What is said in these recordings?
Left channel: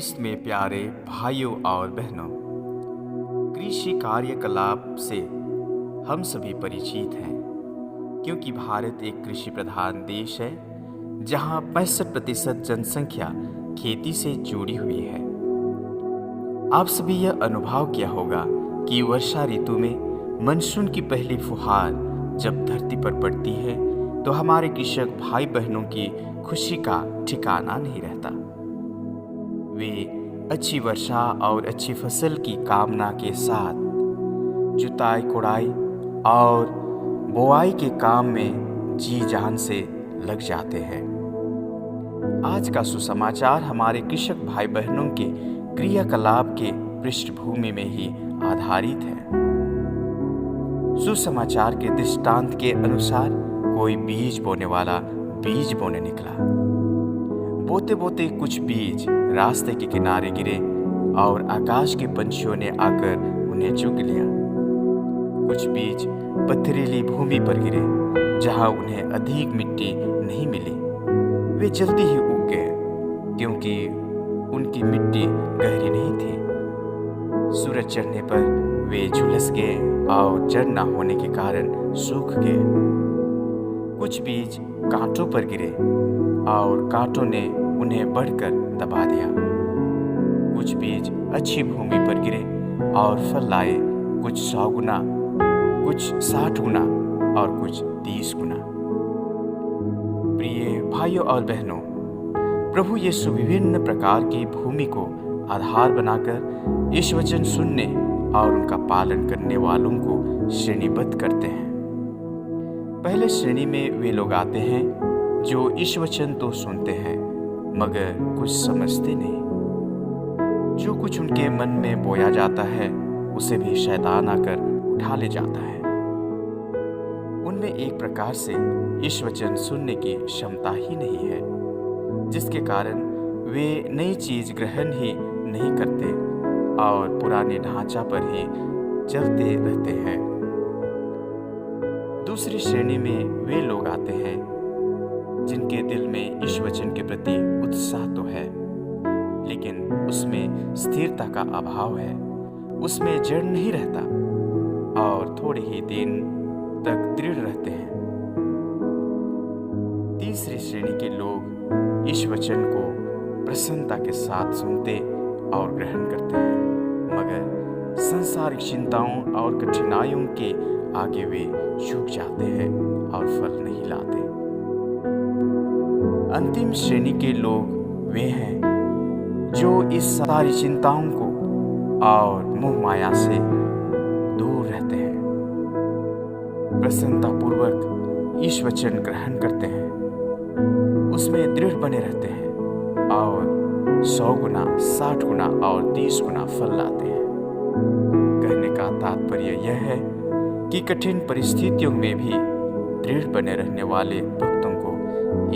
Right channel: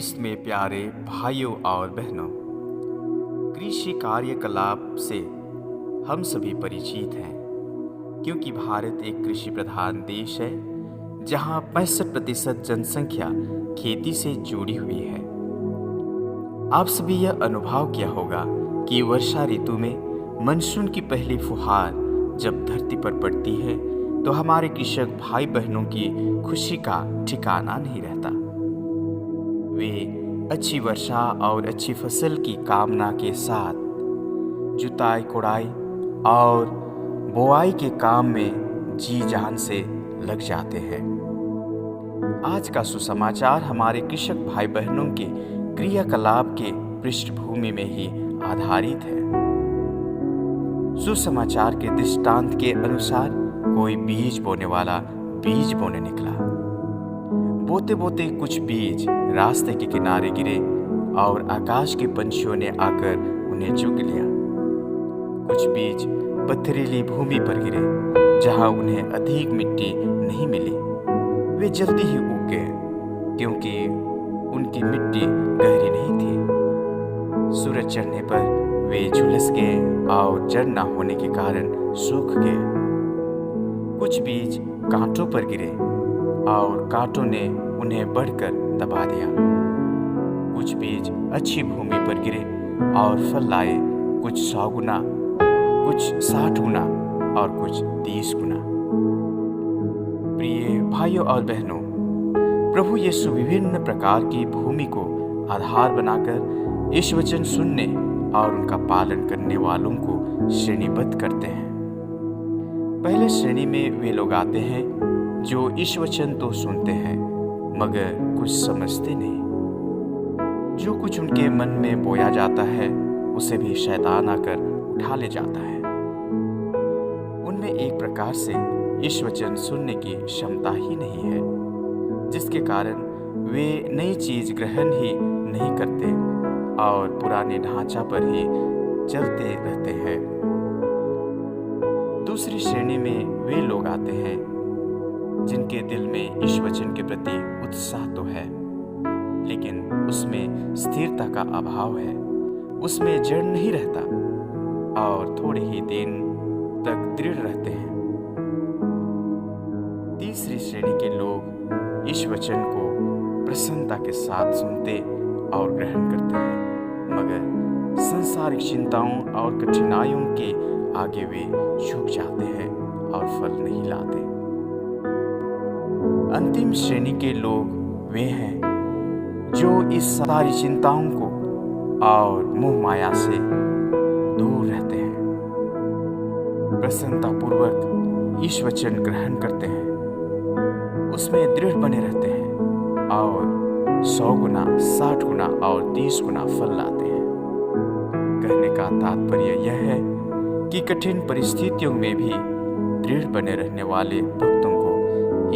ख्रीस्त में प्यारे भाइयों और बहनों, कृषि कार्यकलाप से हम सभी परिचित हैं, क्योंकि भारत एक कृषि प्रधान देश है जहां 65% जनसंख्या खेती से जुड़ी हुई है। आप सभी यह अनुभव किया होगा कि वर्षा ऋतु में मानसून की पहली फुहार जब धरती पर पड़ती है तो हमारे कृषक भाई बहनों की खुशी का ठिकाना नहीं रहता। वे अच्छी वर्षा और अच्छी फसल की कामना के साथ जुताई कोड़ाई और बोआई के काम में जी जान से लग जाते हैं। आज का सुसमाचार हमारे कृषक भाई बहनों के क्रियाकलाप के पृष्ठभूमि में ही आधारित है। सुसमाचार के दृष्टांत के अनुसार कोई बीज बोने वाला बीज बोने निकला। बोते बोते कुछ बीज रास्ते के किनारे गिरे और आकाश के पंछियों ने आकर उन्हें चुग लिया। कुछ बीज पथरीली भूमि पर गिरे जहां उन्हें अधिक मिट्टी नहीं मिली। वे जल्दी ही उग गए क्योंकि उनकी मिट्टी गहरी नहीं थी। सूरज चढ़ने पर वे झुलस गए और जड़ न होने के कारण सूख गए। कुछ बीज कांटों पर गिरे और कांटों ने उन्हें बढ़कर दबा दिया। कुछ बीज अच्छी भूमि पर गिरे और फल लाए, कुछ 100 गुना, कुछ 60 गुना और कुछ 30 गुना। प्रिय भाइयों और बहनों, प्रभु यीशु विभिन्न प्रकार की भूमि को आधार बनाकर इस वचन सुनने और उनका पालन करने वालों को श्रेणीबद्ध करते हैं। पहले श्रेणी में वे लोग आते हैं जो इस वचन तो सुनते हैं मगर कुछ समझते नहीं। जो कुछ उनके मन में बोया जाता है उसे भी शैतान आकर उठा ले जाता है। उनमें एक प्रकार से इस वचन सुनने की क्षमता ही नहीं है, जिसके कारण वे नई चीज ग्रहण ही नहीं करते और पुराने ढांचा पर ही चलते रहते हैं। दूसरी श्रेणी में वे लोग आते हैं जिनके दिल में इस वचन के प्रति उत्साह तो है, लेकिन उसमें स्थिरता का अभाव है, उसमें जड़ नहीं रहता और थोड़े ही दिन तक दृढ़ रहते हैं। तीसरी श्रेणी के लोग इस वचन को प्रसन्नता के साथ सुनते और ग्रहण करते हैं, मगर सांसारिक चिंताओं और कठिनाइयों के आगे वे झुक जाते हैं और फल नहीं लाते। अंतिम श्रेणी के लोग वे हैं जो इस सारी चिंताओं को और मोह माया से दूर रहते हैं, प्रसन्नतापूर्वक इस वचन ग्रहण करते हैं, उसमें दृढ़ बने रहते हैं और 100 गुना, 60 गुना और 30 गुना फल लाते हैं। कहने का तात्पर्य यह है कि कठिन परिस्थितियों में भी दृढ़ बने रहने वाले भक्तों को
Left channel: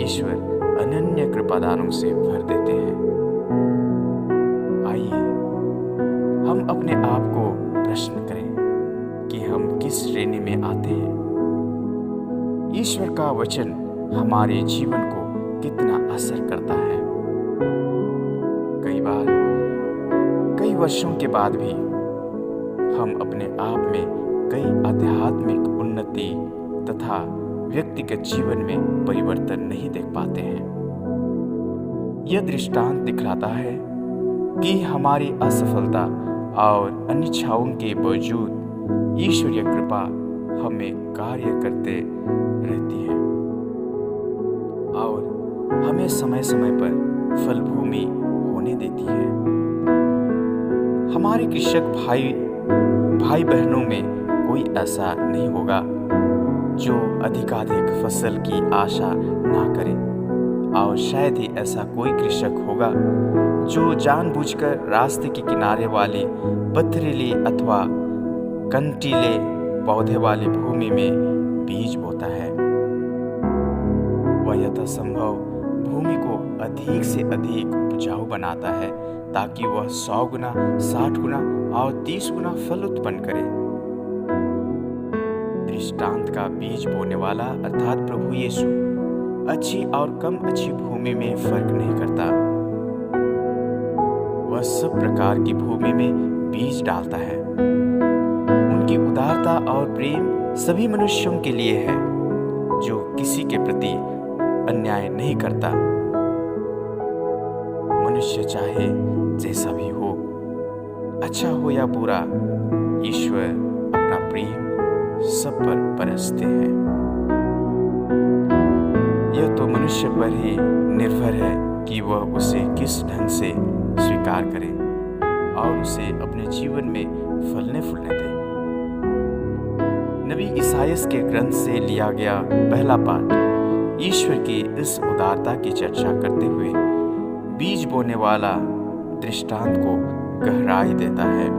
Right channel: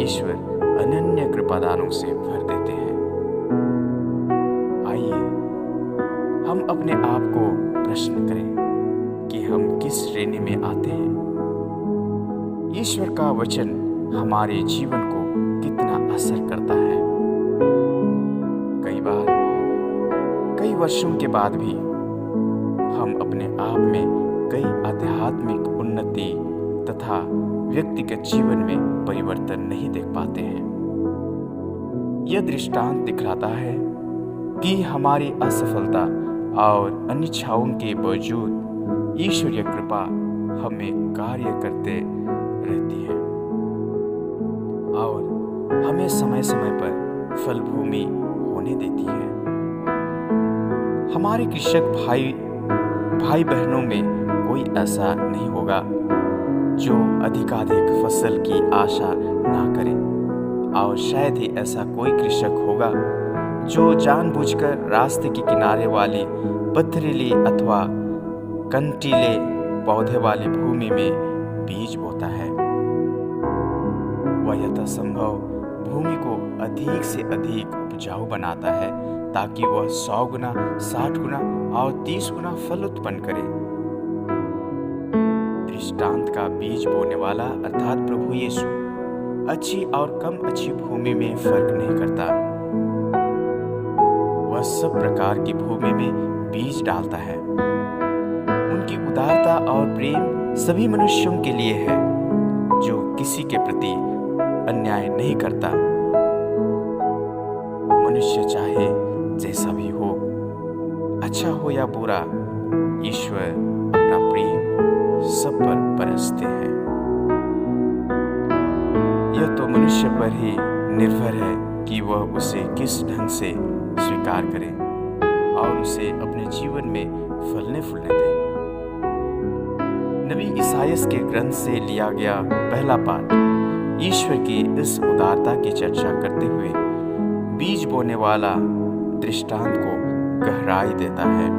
ईश्वर अनन्य कृपादानों से भर देते हैं। आइए हम अपने आप को प्रश्न करें कि हम किस श्रेणी में आते हैं। ईश्वर का वचन हमारे जीवन को कितना असर करता है। कई बार, कई वर्षों के बाद भी हम अपने आप में कई आध्यात्मिक उन्नति तथा व्यक्तिगत जीवन में परिवर्तन नहीं देख पाते हैं। यह दृष्टांत दिखलाता है कि हमारी असफलता और अनिच्छाओं के बावजूद ईश्वरीय कृपा हमें कार्य करते रहती है और हमें समय समय पर फल भूमि होने देती है। हमारे कृषक भाई बहनों में कोई ऐसा नहीं होगा जो अधिकाधिक फसल की आशा ना करे, और शायद ही ऐसा कोई कृषक होगा जो जानबूझकर रास्ते के किनारे वाली पथरीली अथवा कंटीले पौधे वाली भूमि में बीज बोता है। वह यथासंभव भूमि को अधिक से अधिक उपजाऊ बनाता है ताकि वह 100 गुना, 60 गुना और 30 गुना फल उत्पन्न करे। दृष्टांत का बीज बोने वाला अर्थात प्रभु यीशु अच्छी और कम अच्छी भूमि में फर्क नहीं करता। वह सब प्रकार की भूमि में बीज डालता है। उनकी उदारता और प्रेम सभी मनुष्यों के लिए है जो किसी के प्रति अन्याय नहीं करता। मनुष्य चाहे जैसा भी हो, अच्छा हो या बुरा, ईश्वर अपना प्रेम सब पर बरसते हैं। यह तो मनुष्य पर ही निर्भर है कि वह उसे किस ढंग से स्वीकार करे और उसे अपने जीवन में फलने फूलने दे। नबी इसायास के ग्रंथ से लिया गया पहला पाठ ईश्वर की इस उदारता की चर्चा करते हुए बीज बोने वाला दृष्टांत को गहराई देता है।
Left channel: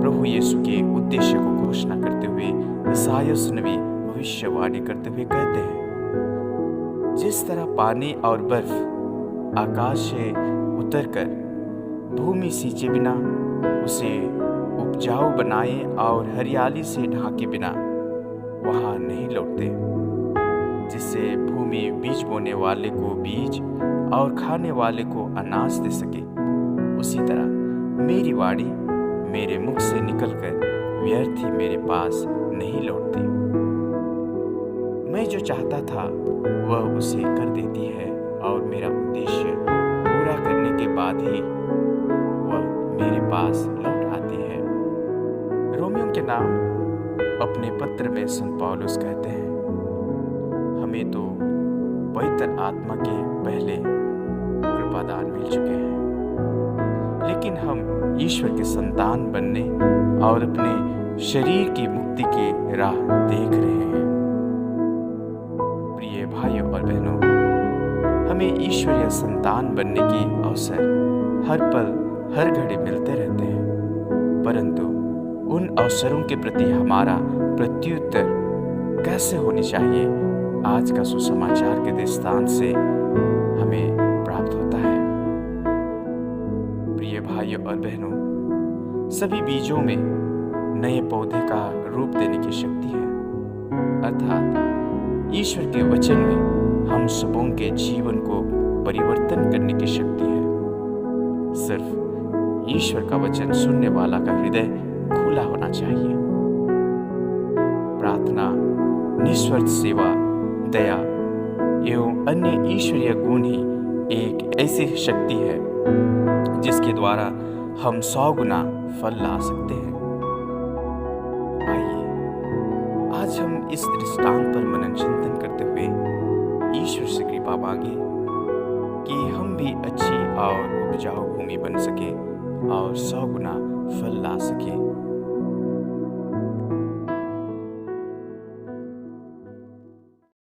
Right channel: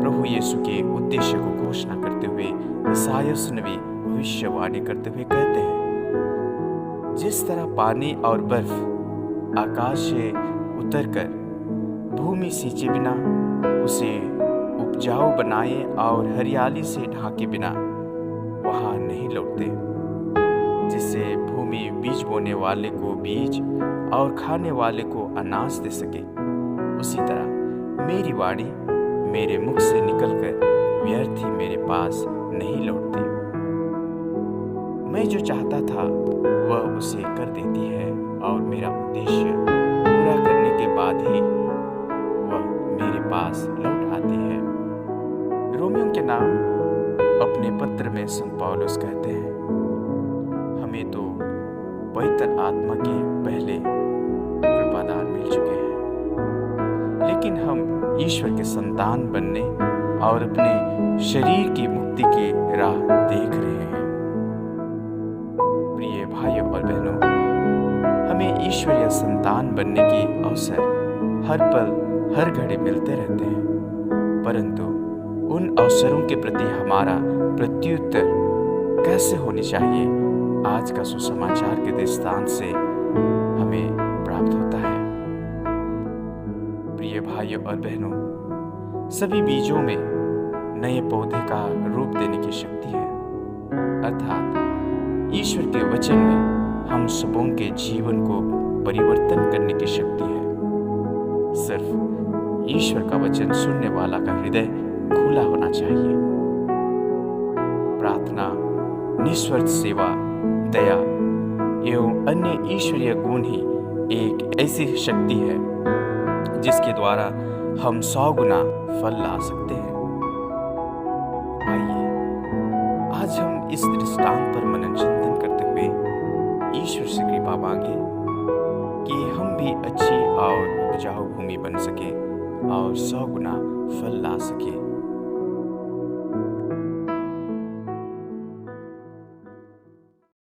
प्रभु यीशु के उद्देश्य को घोषणा करते हुए इसायास नबी भविष्यवाणी करते हुए कहते हैं, जिस तरह पानी और बर्फ आकाश से उतरकर भूमि सींचे बिना उसे उपजाऊ बनाए और हरियाली से ढाके बिना वहां नहीं लौटते, जिससे भूमि बीज बोने वाले को बीज और खाने वाले को अनाज दे सके, उसी तरह मेरी वाणी मेरे मुख से निकलकर व्यर्थ ही मेरे पास नहीं लौटती। मैं जो चाहता था वह उसे कर देती है और मेरा उद्देश्य पूरा करने के बाद ही वह मेरे पास लौट आती है। रोमियों के नाम अपने पत्र में संत पौलुस कहते हैं, हमें तो पवित्र आत्मा के पहले कृपादान मिल चुके हैं, लेकिन हम ईश्वर के संतान बनने और अपने शरीर की मुक्ति की राह देख रहे हैं। प्रिय भाइयों और बहनों, हमें ईश्वरीय संतान बनने की अवसर हर पल हर घड़ी मिलते रहते हैं, परंतु उन अवसरों के प्रति हमारा प्रत्युत्तर कैसे होनी चाहिए, आज का सुसमाचार के दृष्टांत से हमें प्राप्त होता है। प्रिय भाइयों और बहनों, सभी बीजों में नए पौधे का रूप देने की शक्ति है, अर्थात ईश्वर के वचन में हम सबों के जीवन को परिवर्तन करने की शक्ति है। सिर्फ ईश्वर का वचन सुनने वाला का हृदय खुला होना चाहिए। प्रार्थना, निस्वार्थ सेवा, दया एवं अन्य ईश्वरीय गुण ही एक ऐसी शक्ति है जिसके द्वारा हम 100 गुना फल ला सकते हैं। आइए आज हम इस दृष्टांत पर मनन चिंतन करते हुए ईश्वर से कृपा मांगे कि हम भी अच्छी और उपजाऊ भूमि बन सके और 100 गुना फल ला सके।